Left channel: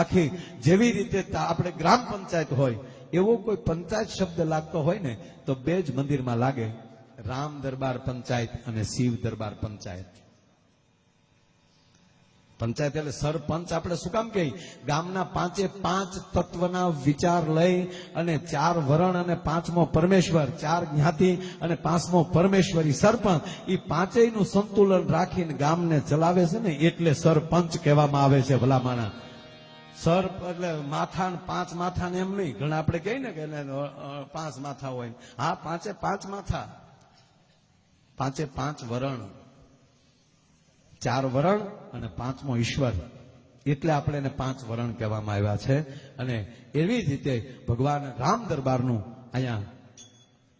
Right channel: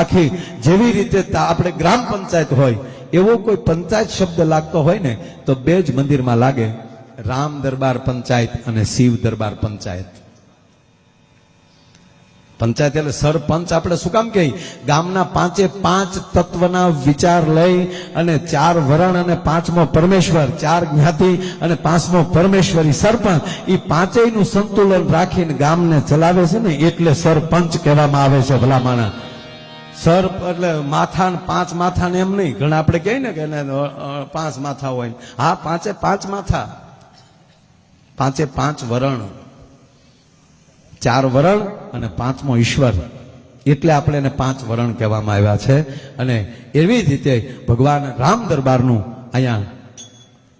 આખી જેવી રીતે આપણે ગ્રામ પંચાયત હોય, એવો કોઈ પંચાયત શબ્દ લાગતો હોય ને, તો બે જ મંદિરમાં લાગે, રામ દરબાર પંચાયત અને શિવ દરબાર પંચાયત. પંચાયત એટલે સરપંચ આપણે શું કામ કહી ગામના પાંચે પાંચ તત્વના વિચાર લઈ અને ચાર વરણ અને પાંચમો પરમેશ્વર, ચાર જ્ઞાતિ અને પાંચમો પરમેશ્વરી સરપંચ એ પાંચેયનું સંતુલન રાખીને ગામને ચલાવે છે ને, એટલે સરપંચ કહેવામાં આવે છે ભલામાણા સર એટલે માથા પાંચ માથા ને એમ નહીં. ઘણા આપણે કહીએ ને કે એને, પાંચ માથા હોય. હા પાંચે પાંચ માથા. પાંચે પાંચ વરણ. ચાર વરણ અને પાંચમો ઈશ્વર. એટલે આપણે એને પાંચ વરણ કહેવામાં આવ્યા છે. અને એવી જ રીતે ભગવાન રામ દરબારનું અહીંયા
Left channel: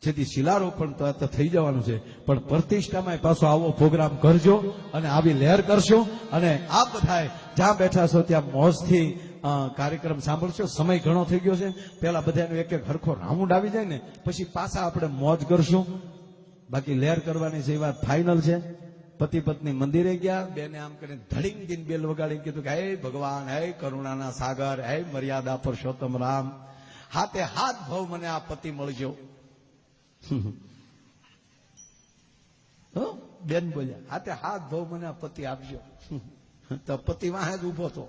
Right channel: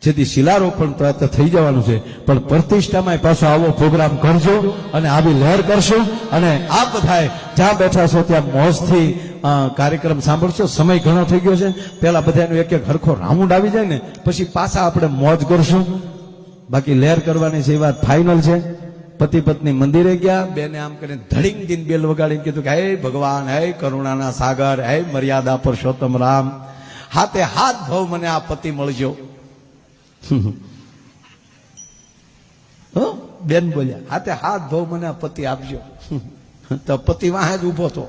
જેથી શિલારોપણ પ્રાપ્ત થઈ જવાનું છે. પણ પ્રતિષ્ઠામાં પાછો આવો પ્રોગ્રામ કરજો અને આવી લહેર કરશો અને આ બધાએ જ્યાં બેઠા છો ત્યાં મોજથી કાર્યક્રમ સાંભળશો. સમય ઘણો થઈ ગયો છે. પેલા બધાનું એક એક હરખો રાઉન્ડ આવી જાય ને, પછી પાછા આપણે મોજ કરશું. બાકી લહેર કરવાની છે એ વાત ફાઇનલ છે પતિ પત્ની મંદિરે ગયા, બેને આમ કરીને ધડીંગ દિન બેલ વગાડીને કીધું કે, હે ભગવાન, હે કરુણાના સાગર, હે મર્યાદા પુરુષોત્તમ રામ. હાથે હાથ ભાવ મને આ પતિ મળજો? બેન બોલ્યા, હાથે હાથ ભાવ મને, પતિ આપજો. તો પતિ વાહે જ ઊભો હતો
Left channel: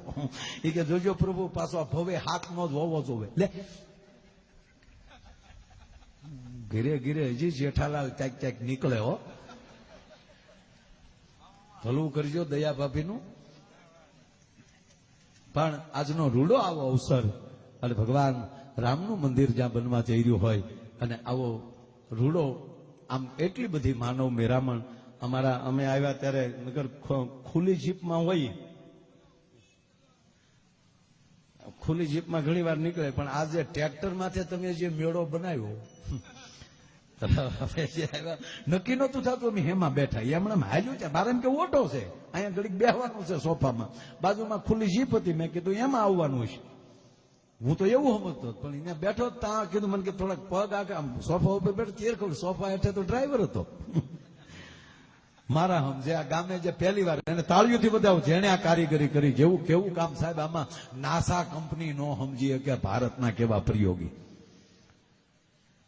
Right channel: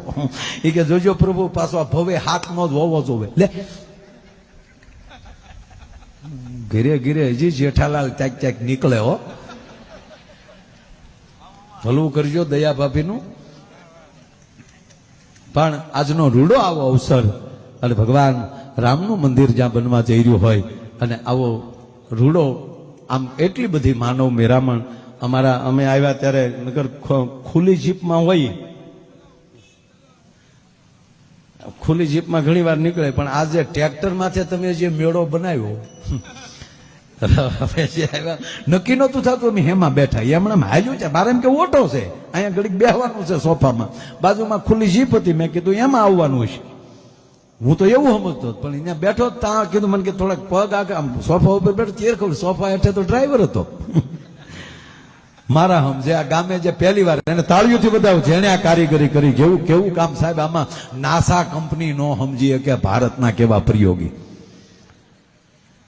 એ કે, જોજો પ્રભુ, પાછો ભવે હાથનો જ હોવો જોવે. લે. ઘીરે ઘીરે હજી જેઠાલાલ ચાક ચાક નીકળે હો. ભલું કરજો દયા ભાભીનું. પણ આજનો રૂડો આવો અવસર, અને ભગવાન રામનું મંદિર જ્યાં બનવા જઈ રહ્યું હોય, અને આવો રૂડો, આમ એટલી બધી માનવ મેરામણ. અમારા, અમે આવ્યા ત્યારે નગર ખુલ્લી જીપમાં હોય ખુલ્લી જીપમાં ઘણી વાર નીકળે, પણ આજે ટ્રેક્ટરમાંથી તમે જે મેળો બનાવ્યો જે નક્કી નહોતું થતું અમે હેમાં બેઠા. એ હમણાં હાલ્યું છે, મારે એમ કે ઓટો છે, અહીંયા ઘડીક બેહવાનું છે સોફામાં. બાજુમાં ખુલ્લી જીપ હતી, મેં કીધું એમાં આવવાનું છે હું તો એવું સમજતો. પણ અહીંયા બેઠો ત્યાં કીધું મને કે થોડાક પગ આગળ આમ સોફા ઉપર બેઠો, ચેર ખબર સોફા હેઠે તો ડ્રાઈવર હતો. મારા હમ જે આ ગામે જે પહેલી વાર એને તાળીઓથી બતાવ્યું જેણે આ કારીગરી કરી, જેવું કેવું કામ સાહેબ, આમાં નાસા કંપની નો સમજી કે ભારતના કેવા પ્રયોગી.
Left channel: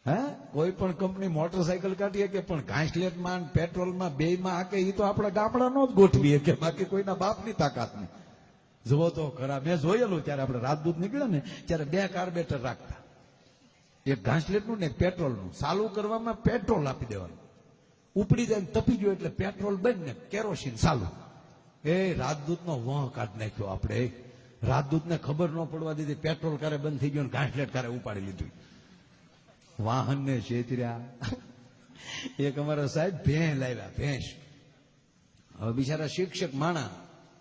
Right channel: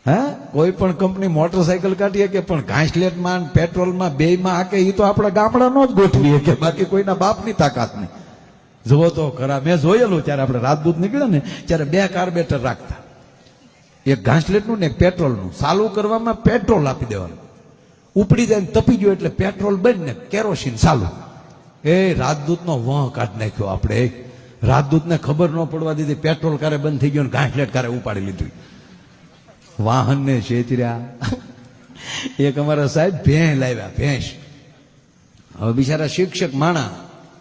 હે? કોઈ પણ કંપની મોટરસાયકલ કાઢીએ કે પણ ઘાસલેટમાં પેટ્રોલમાં, બેયમાં, આ કે એ તો આપણા ગામડાનો જ ગોઠવીએ કે બાકી કોઈના બાપની તાકાત નહીં. જુઓ તો ખરા, મેં જોયેલું ત્યારે આપણે રાજદૂત નીકળ્યા ને, ત્યારે બે કાર્બેટર રાખતા. એક ઘાસલેટનું ને પેટ્રોલનું. ચાલુ કરવામાં પેટ્રોલ આપી દેવાનું. ઉપડી જાય તપી ગયો એટલે પેટ્રોલ બંધ ને કેરોસીન ચાલુ. એ રાજદૂતનો વહ કાઢ નાખ્યો આપણે. રાજદૂતને ખબર ન પડવા દીધી, પેટ્રોલ કારે બંધ થઈ ગયો ને ઘાસલેટ કારે ઉપાડી લીધું. વાહનને છેતર્યા એક અમારા સાહેબ ભેંસ લાવ્યા, ભેંસ. હવે બિચારા શિક્ષક માણા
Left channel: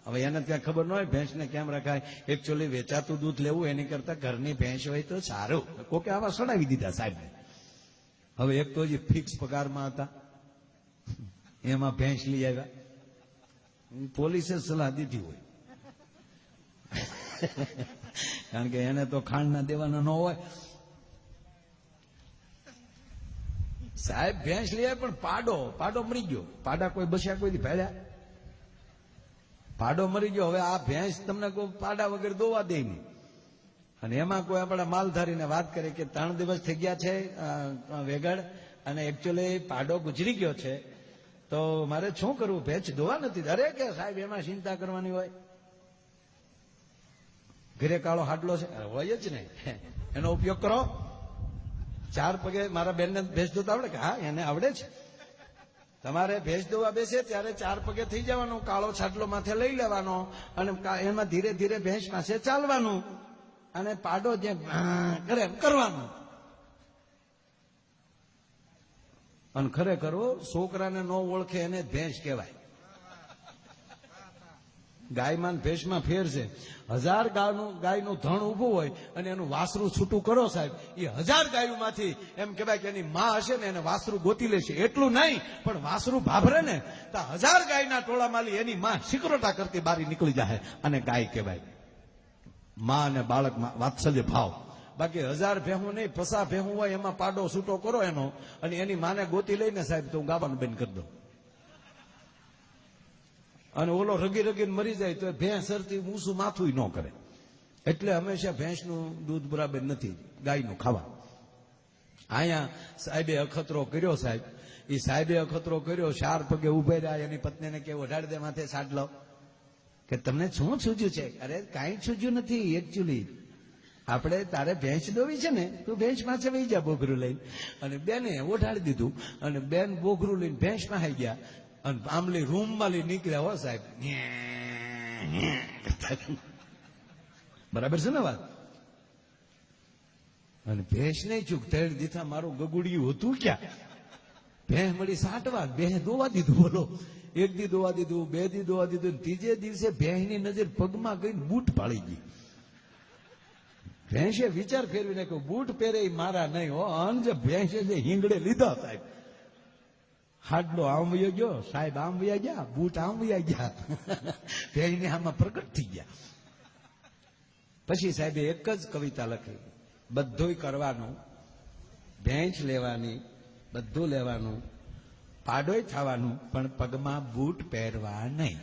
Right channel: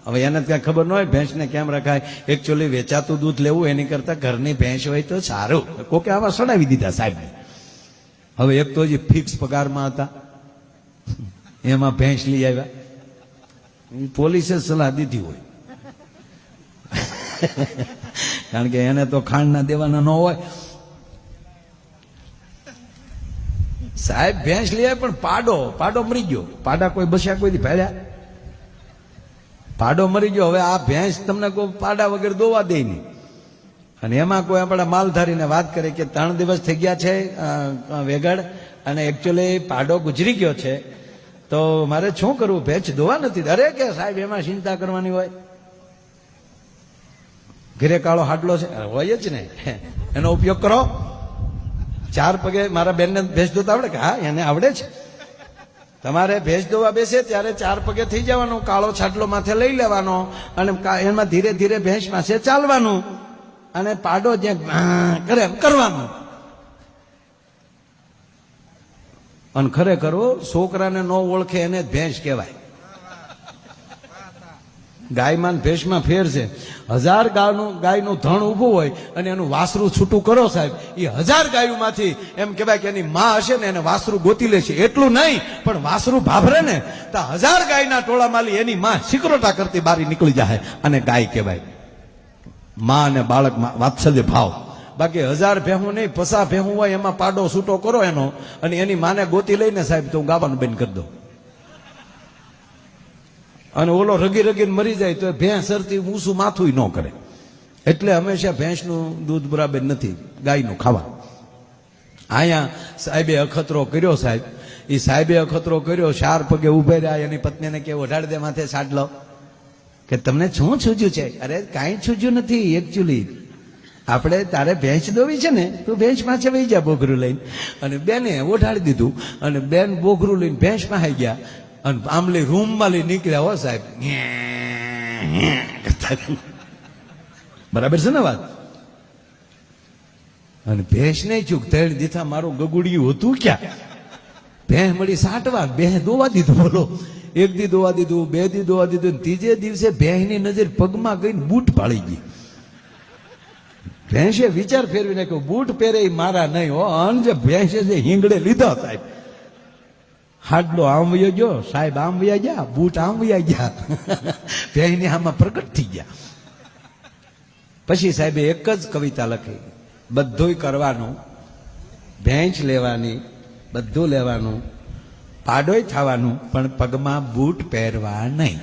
હવે એને ત્યાં ખબર ન હોય, ભેંસને કેમ રખાય? એકચ્યુઅલી વેચાતું દૂધ લેવું એની કરતા ઘરની ભેંસ હોય તો સારું. કોકે આવા સડાવી દીધા સાહેબ હવે એક તો હજી ફિક્સ પગારમાં હતા. એમાં ભેંસ લઈ આવ્યા. પોલીસે સલાહ દીધી હોય. કારણ કે એને તો ખાંડના દેવાના ન હોય. સાહેબ, ભેંસ લઈ આવ્યા, પણ પાડો પાડો મરી ગયો. પાડા કોઈ બસ્યા કોઈ ભાડ્યા પાડો મરી ગયો. હવે આ ભેંસ તમને કોઈ પાડા વગર દોવા દે નહીં. અને એમાં કોઈ આપણા માલધારીને વાત કરે કે ત્રણ દિવસ થઈ ગયા છે વેગડ અને એકચ્યુઅલી પાડો ગુજરી ગયો છે. તો મારે શું કરવું? ભેંસ દોવા નથી. અરે કે સાહેબ, એમાં ચિંતા કરવાની હોય. ઘરે કાળો હાટલો છે. હોય જ ને એનો ઉપયોગ કરો. ચાર પગે મારા બેનને ભેંસ દોતા આવડે કે? હા, એને આવડે છે. તમારે ભેજ દોવા બેસે ત્યારે ચાર પગે થઈ જવાનું, કાળો છાટલો માથે લઈ લેવાનો અને એમાં ધીરે ધીરે ભેંસ પાસે ચાલવાનું અને પાડો જ્યાં કરે કરવાનું. અને ખરેખર છોકરાને ન ઓળખે એને ભેંસ કહેવાય. ગાયમાં ભેંસમાં ફેર છે. હજાર ગાયનું ગાયનું ધણ ઊભું હોય અને એનું વાસરું છૂટું કરો સાહેબ. એ હજાર ગાયોમાંથી એમ કહેવાય કે એની માં હશે ને એને વાસરું ગોતી લે છે એટલું નહીં, પણ વાસરું ભાભરે ને, તો હજાર ગાયના ટોળામાંથી એની માં સિકરોટા કરતી બારી નીકળી જાય અને ગાય કહેવાય. માં અને બાળક વાત્સલ્ય ભાવ. બાકી હજાર ભેહું નહીં, પસા ભેહું હોય, એમાં પાડો છૂટો કરો એનો. અને એની માને ગોતી લઈને સાહેબ, તો હું ગાવાનું બંધ કરી દઉં. અને ઓલો રગી રગીને મરી જાય તો ભેંસ સરતી ઊંસું માથું ન કરે. એટલે હંમેશા ભેંસનું દૂધ બરાબર નથી, ગાયનું ખાવા. અહીંયા સાહેબે અખતરો કર્યો સાહેબ. એ સાહેબે અખતરો કર્યો, ચાર પગે ઉભે રહ્યા, એની પત્નીને કે ઓઢાડ દે માથે સાડલો કે તમને શું છૂજ્યું છે? અરે કાંઈ છૂજ્યું નથી એકચ્યુઅલી આપણે તારે ભેંસ દોવી છે ને, તું ભેંસ પાસે વહી જા બોઘરું લઈને. અને બેને ઓઢાડી દીધું. અને બેન બોઘરું લઈને ભેંસ પાસે ગયા. અને આમલી રૂમમાં લઈ નીકળ્યા હો સાહેબ. બરાબર છે ને વાત? અને ભેંસ નહીં ચૂક, તેડ દીથા મારું ગગુડિયું હતું ક્યાં? ભેંસ મળી સાટવા, ભેંસ દોવા દીધું, બોલો. એક દી દોવા દીધું, બે દી દોવા દીધું ત્રીજે દિવસે ભેંસની નજર પગમાં ગઈને બૂટ પાડી ગઈ. ભેંસે વિચાર ફેરવી નાખ્યો, બૂટ પહેરે મારા નહીં હો, અન જે ભેંસે જે હિંગડે લીધા, સાહેબ. હાડલો આમ વયો ગયો, સાહેબ આમ વયા ગયા, બૂટ આમ વયા ગયા. ભેંસની આમાં પ્રગટ થઈ ગયા. પછી સાહેબે એક જ કવિતા લખી, બધુંય કરવાનું, ભેંચ લેવાની, બધું લેવાનું, પાડોય થવાનું, પણ પગમાં બૂટ પહેરવા નહીં.